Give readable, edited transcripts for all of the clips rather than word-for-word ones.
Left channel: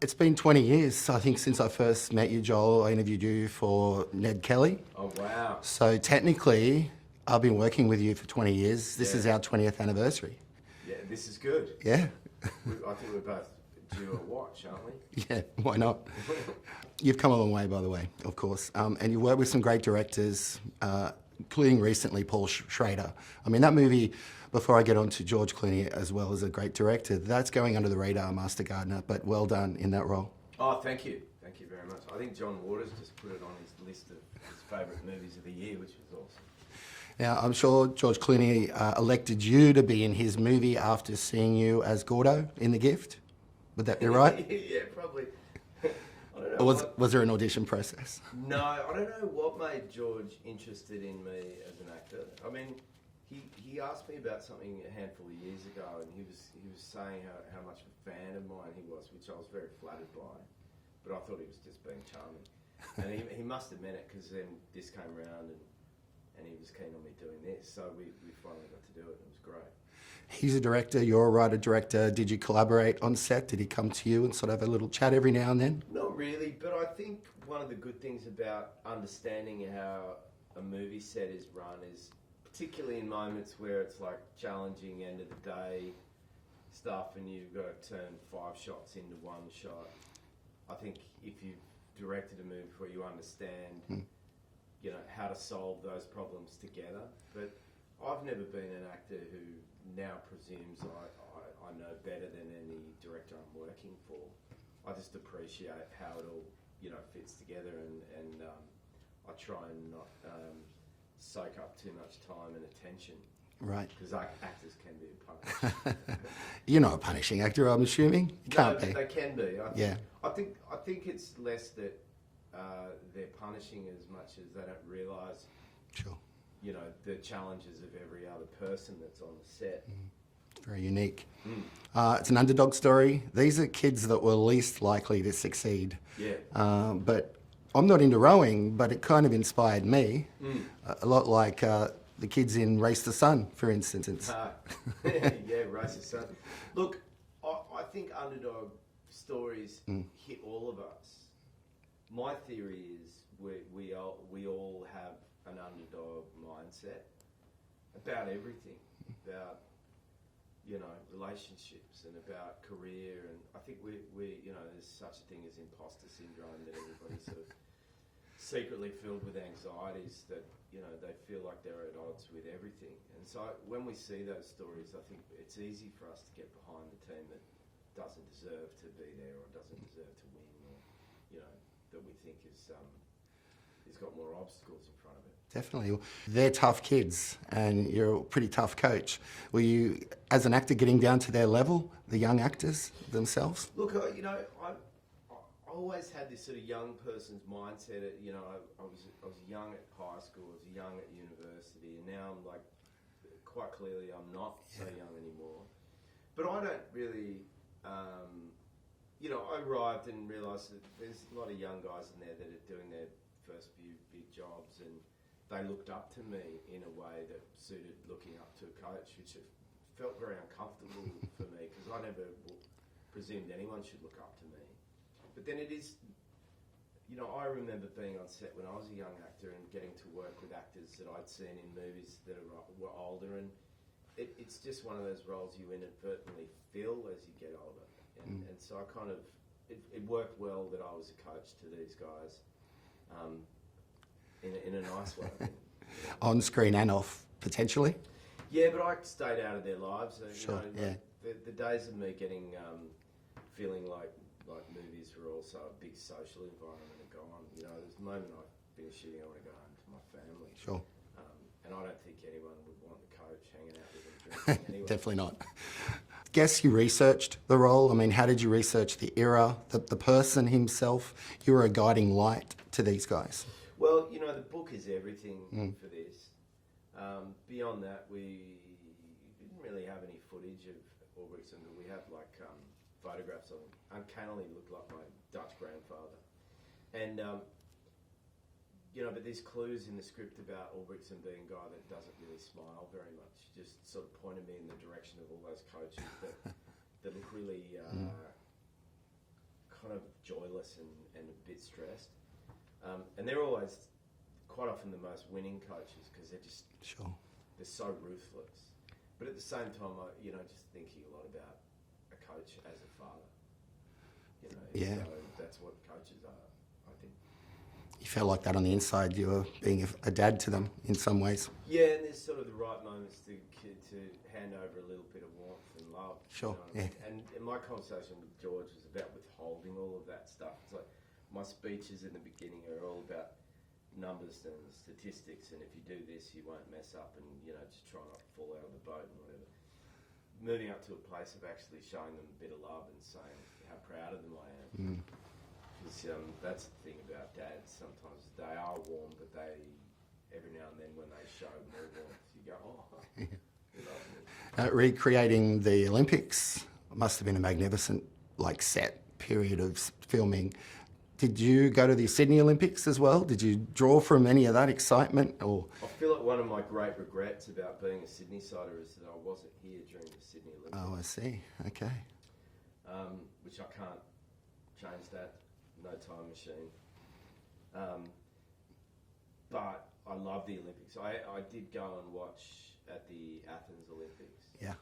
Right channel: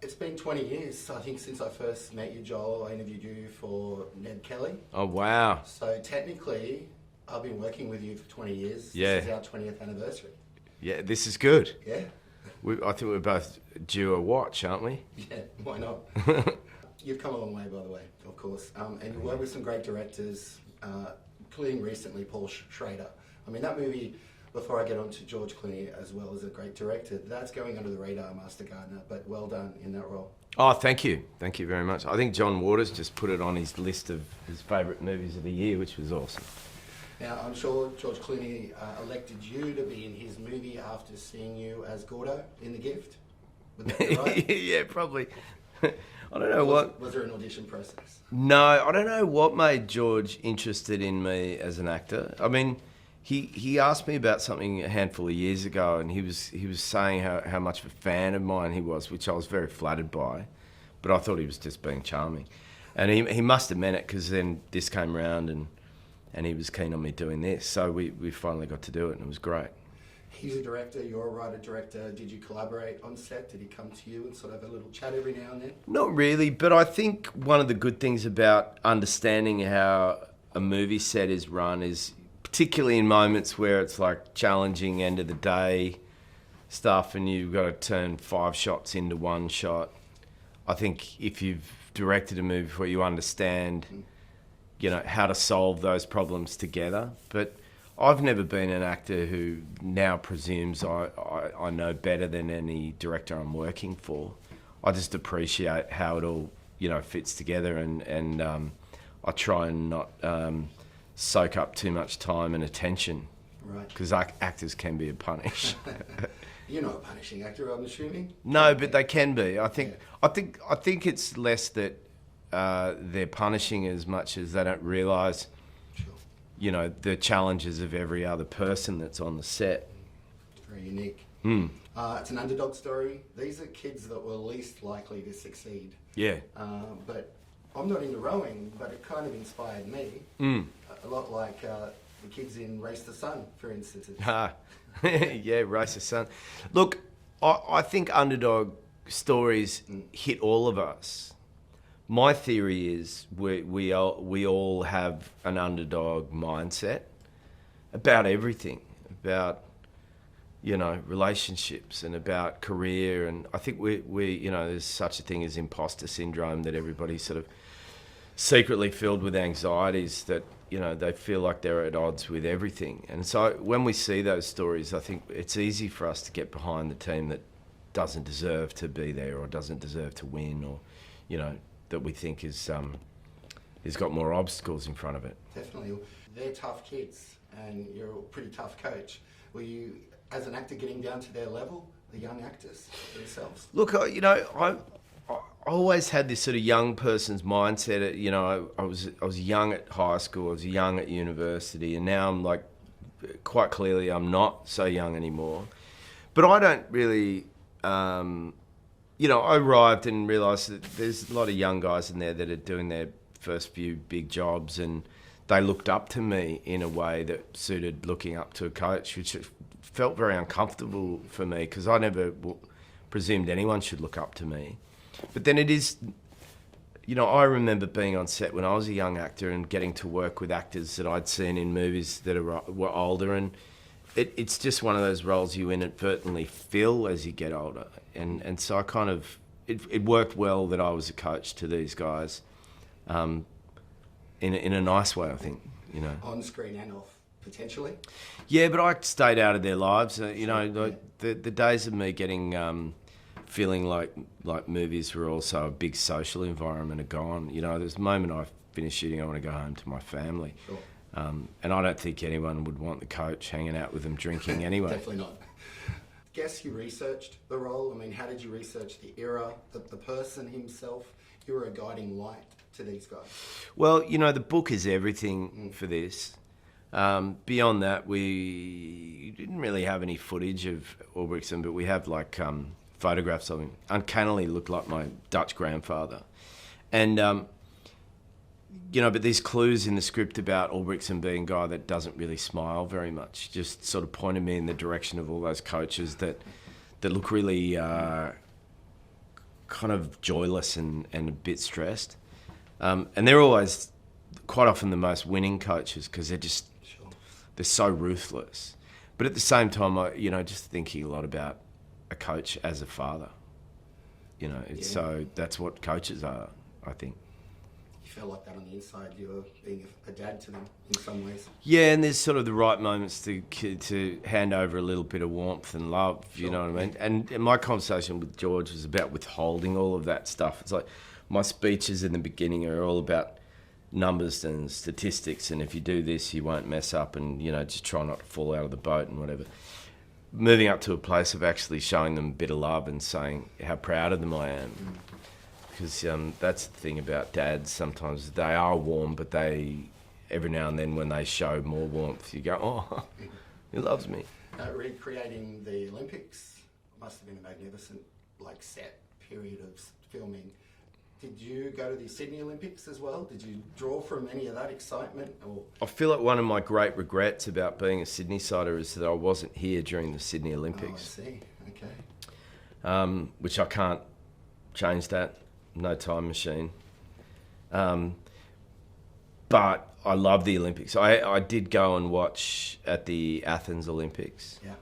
It's been 20 years, I think, since I first met you, Joel. I interviewed you for Ned Kelly. Oh, wow. So technically, I've been working with you for 20 years. This is our 20th anniversary. Yeah, this is good. Yeah. I think we're both due a watch, aren't we? Yeah, why not? You've come a long way, by the way, of course. And you worked with some great directors, including recently Paul Schrader. I mean, that movie, before I get on to George Clooney as well as a great director, that's going under the radar, Master Gardener, but well done in that role. Oh, thank you. Thank you very much. I think John Waters just put it on his list of his favourite movies of the year, which was awesome. Now, I'm sure George Clooney elected you to be in his movie after seeing you as Gordo in The Gift. Would that be right? Yeah, probably. I don't know Was there an audition process? No, I don't know what made George interested in me as an actor. I mean, he asked me about something a handful of years ago, and he was saying how much of a fan of mine he was, which I was very flattered by, but I thought he was just being charming. And he must have meant it, because then this came round and he was keen on me doing this. So we finally got to do it, and it was great. He's a director, you're a writer-director. Did you collaborate on set? Did he come to you and sort of have a little chat every now and then? Not really, but I think one of the good things about understanding how a movie set is run is, particularly in moments where it's like challenging end of the day stuff and you've got to turn 5 shots into 1 shot. I think if you've directed a movie before, you understand, you know, how to solve those problems together. But I've never been an actor who now presumes I know better than any director I'm working for. I just appreciate how it all, you know, fits together, and I try and not soak up too much time and attention. Right. Because actors can be a punish. You're not a punishing actor, I'm assuming? No, but they can be. I think it's less that they're punishing as much as they don't realise, you know, the challenges of every other person that's on the set. It's very unique. It's an underdog story. These are kids that were least likely to succeed. Yeah. But I'm not into rowing, but it kind of inspired me. A lot like the kids in Race the Sun, for instance. Yeah, Race the Sun. Look, I think underdog stories hit all of us. My theory is we all have an underdog mindset about everything, about, you know, relationships and about career. And I think we you know, there's such a thing as imposter syndrome, that everybody's sort of secretly filled with anxieties that, you know, they feel like they're at odds with everything. And so when we see those stories, I think it's easy for us to get behind the team that doesn't deserve to be there or doesn't deserve to win, or, you know, that we think is got more obstacles in front of it. Definitely. They're tough kids, and you're a pretty tough coach. Were you, as an actor, getting down to their level, the young actors themselves? Look, you know, I always had this sort of young person's mindset. You know, I was young at high school, I was young at university, and now I'm like, quite clearly I'm not so young anymore. But I don't really... you know, I arrived and realised that there's a lot of young guys in there that are doing their first few big jobs, and they looked up to me in a way that suited looking up to a coach, which felt very uncomfortable for me, because I never presumed anyone should look up to me. But then it is, you know, I remember being on set when I was a young actor and getting to work with actors that I'd seen in movies that were older, and it's just one of those roles you inadvertently fill as you get older. And so I kind of, it worked well that I was a coach to these guys, in a nice way, I think, you know. On screen and off, potentially? Yeah, but I stayed out of their lives. You know, like the days of me getting, feeling like movies were also a big social environment are gone. You know, there's the moment I finish shooting, I want to go home to my family. Sure. And I don't think anyone would want the coach hanging out with them drinking anyway. Definitely not. Guess you researched the role. I mean, how did you research the era, the person himself? You were a guiding light to these guys. Well, you know, the book is everything for this. Beyond that, we didn't really have any footage of Ulbrichtsen, but we have like photographs of him. Uncannily looked like my Dutch grandfather. And, you know, but these clues in the script about Ulbrichtsen being a guy that doesn't really smile very much just sort of pointed me in the direction of all those coaches that look really kind of joyless and a bit stressed. And they're always quite often the most winning coaches because they're so ruthless. But at the same time, just thinking a lot about a coach as a father. So that's what coaches are, I think. You felt like that on the inside. You were being a dad to them in some ways. Yeah, and there's sort of the right moments to hand over a little bit of warmth and love, you know what I mean? And my conversation with George was about withholding all of that stuff. It's like my speeches in the beginning are all about numbers and statistics, and if you do this, you won't mess up, and, just try not to fall out of the boat and whatever. Moving up to a place of actually showing them a bit of love and saying how proud of them I am. Because that's the thing about dads. Sometimes they are warm, but every now and then when they show more warmth, you go, oh, he loves me. Recreating the Olympics must have been a magnificent set period of filming. Did you go to the Sydney Olympics as well? Did you draw from any of that excitement? Or I feel like one of my great regrets about being a Sydney-sider is that I wasn't here during the Sydney Olympics. Oh, I see. Okay. Which I can't change that. No time machine. But I love the Olympics. I did go and watch at the Athens Olympics. Yeah.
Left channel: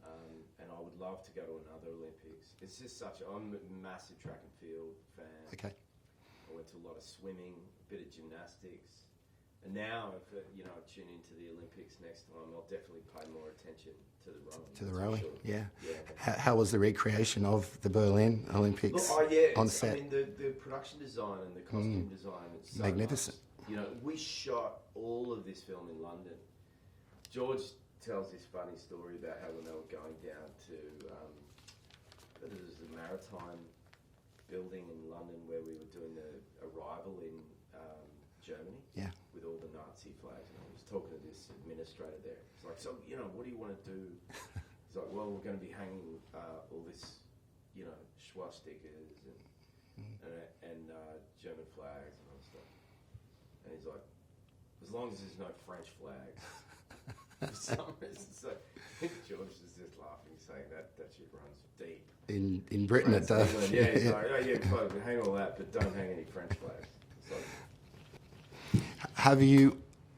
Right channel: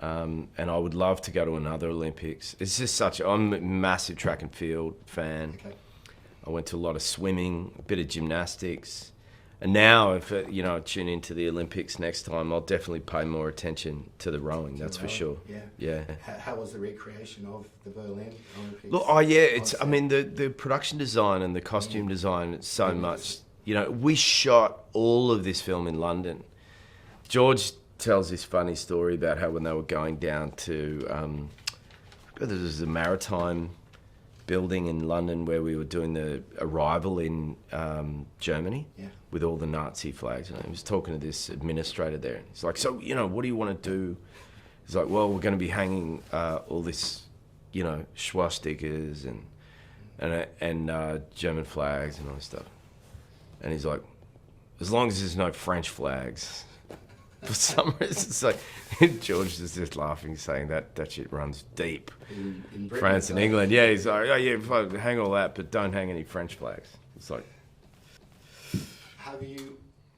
And I would love to go to another Olympics. It's just I'm a massive track and field fan. Okay. I went to a lot of swimming, a bit of gymnastics. And now, if I tune into the Olympics next time, I'll definitely pay more attention to the rowing, that's for sure. Yeah. Yeah. How was the recreation of the Berlin Olympics? Look, the production design and the costume design, it's so much. We shot all of this film in London. George tells this funny story about how when they were going down to, there was a maritime building in London where we were doing the arrival in Germany with all the Nazi flags. And I was talking to this administrator there. And he's like, so, what do you want to do? He's like, well, we're going to be hanging all this, swastikas and German flags and all this stuff. And he's like, as long as there's no French flags. For some reason, it's like George is just laughing, saying that shit runs deep in Britain, France and England. Yeah, he's like, oh yeah, hang all that, but don't hang any French flags. It's like, have you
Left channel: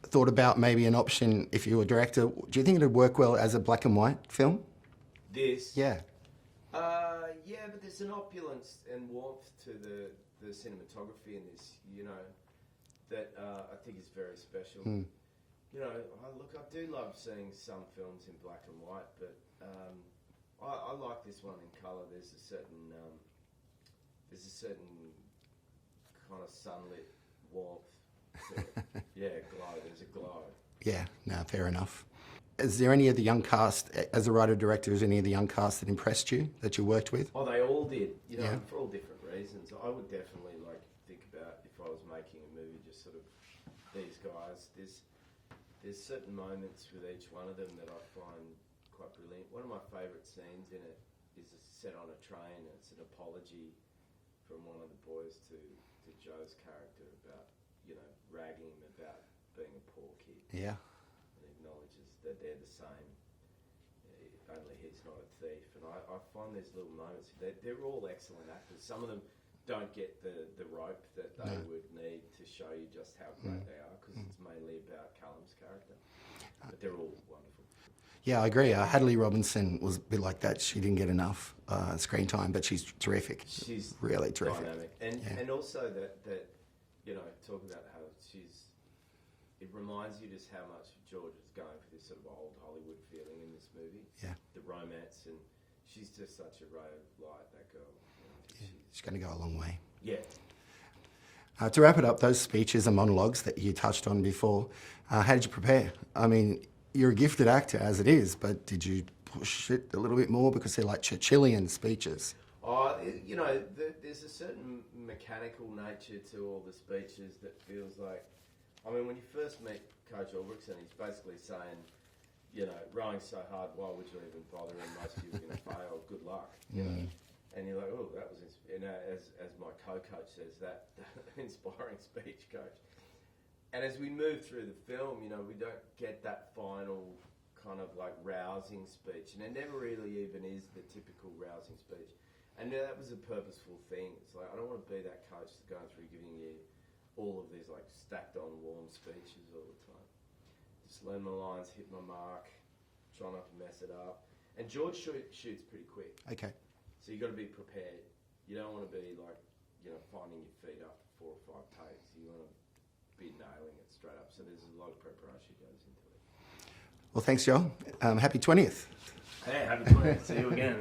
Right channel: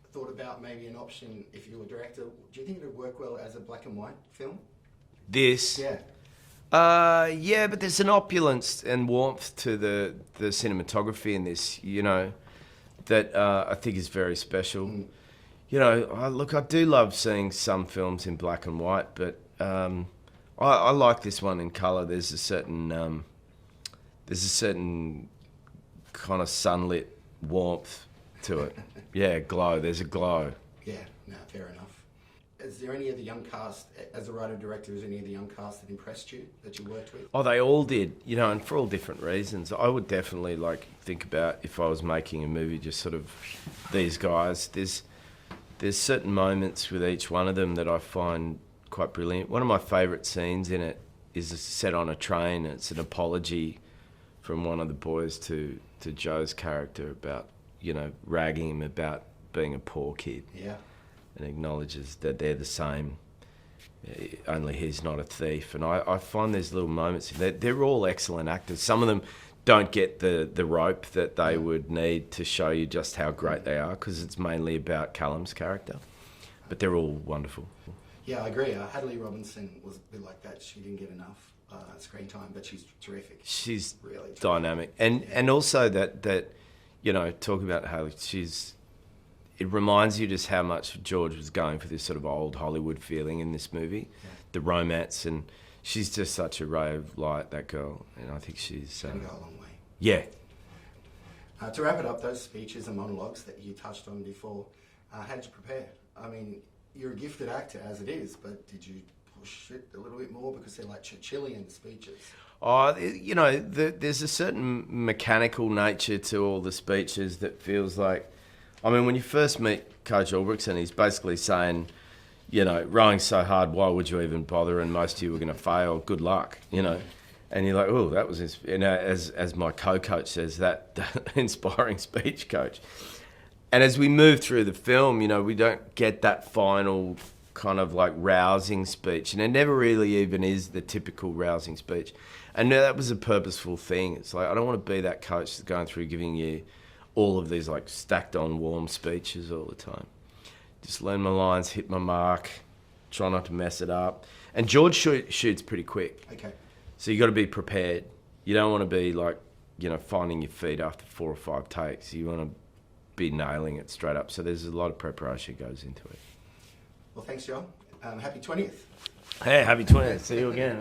thought about maybe an option if you were a director? Do you think it'd work well as a black and white film? This, yeah, but there's an opulence and warmth to the cinematography in this, that I think is very special. I do love seeing some films in black and white, but I like this one in colour. There's a certain kind of sunlit warmth to it. Yeah, glow. There's a glow. Yeah, no, fair enough. Is there any of the young cast, as a writer-director, is any of the young cast that impressed you, that you worked with? Oh, they all did, and for all different reasons. I would definitely think about if I was making a movie, just sort of these guys. There's certain moments with each one of them that I find quite brilliant. One of my favourite scenes in it is set on a train. It's an apology from one of the boys to Joe's character about, ragging him about being a poor kid. Yeah. And acknowledges that they're the same, only he's not a thief. And I find these little moments, they're all excellent actors. Some of them don't get the rope that they would need to show you just how great they are, because it's mainly about Callum's character. But they're all wonderful. Yeah, I agree. Hadley Robinson was a bit like that. She didn't get enough screen time, but she's terrific. She's really terrific. Dynamic. And also that talking about Hadley, it reminds you just how much George was going for this sort of old Hollywood feeling in this movie, the romance, and she's just such a ray of light, that girl, and I think she's going to go a long way. Yeah. To wrap it up, those speeches and monologues that you touched on before, how did you prepare? I mean, you're a gifted actor as it is, but did you push it a little bit more because they're like Churchillian speeches? Oh, there's a certain mechanical nature to all the speeches that feels like, when you first meet Coach Ulbrichson, he's basically saying, rowing's so hard, why would you even bother? And most of you are going to fail. Good luck, And you're like, oh, that was, as my co-coach says, that inspiring speech, coach. And as we move through the film, we don't get that final kind of rousing speech. And it never really even is the typical rousing speech. And that was a purposeful thing. It's like, I don't want to be that coach that's going through giving you all of these like stacked on warm speeches all the time. Just learn my lines, hit my mark, try not to mess it up. And George shoots pretty quick. Okay. So you got to be prepared. You don't want to be like, finding your feet after 4 or 5 takes. You want to be nailing it straight up. So there's a lot of preparation goes into it. Well, thanks, Joel. Happy 20th. Hey, happy 20th. See you again.